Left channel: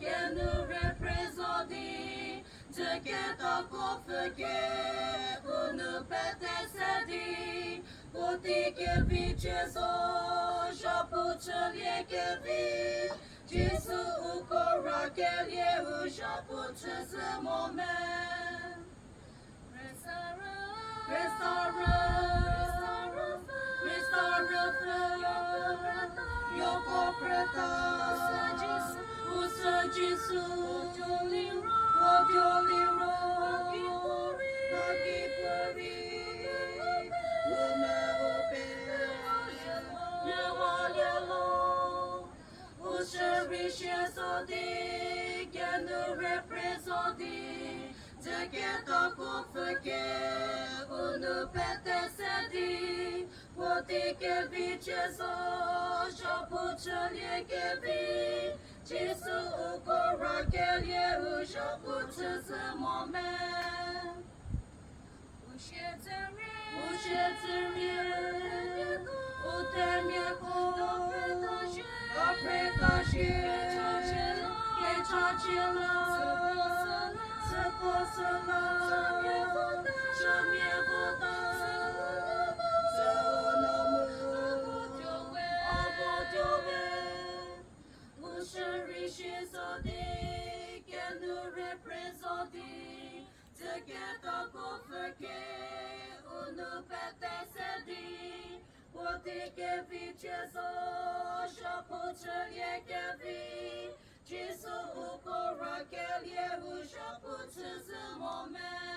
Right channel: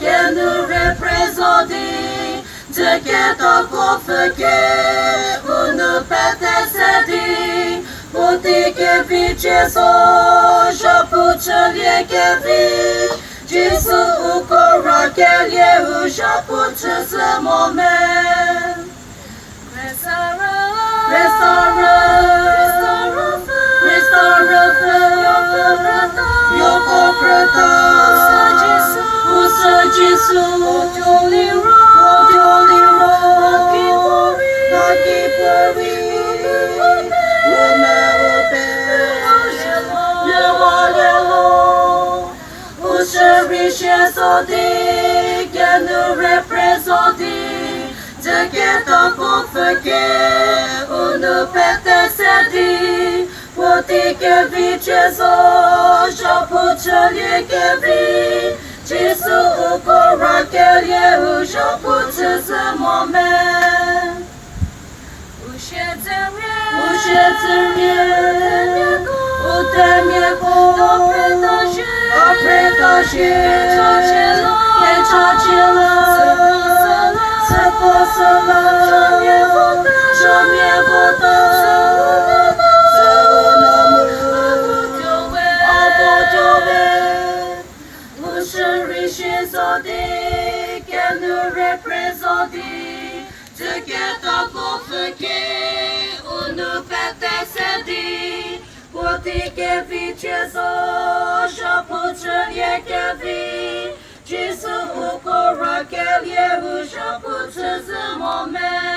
Viens nous représenter, de que ton conflit ou nous péter pour dire que Jésus, je peux te lier que vie, Jésus ou courant que lié ou je peux te ce moment. Nous représenter de que ton conflit ou nous péter pour dire que vie Jésus, je peux te lier que vie Jésus au courant que lié où je peux te ce moment. Où j'ai rien, où t'es mieux après que vie Jésus, je peux te lier que vie Jésus au courant que lié où je peux te ce moment.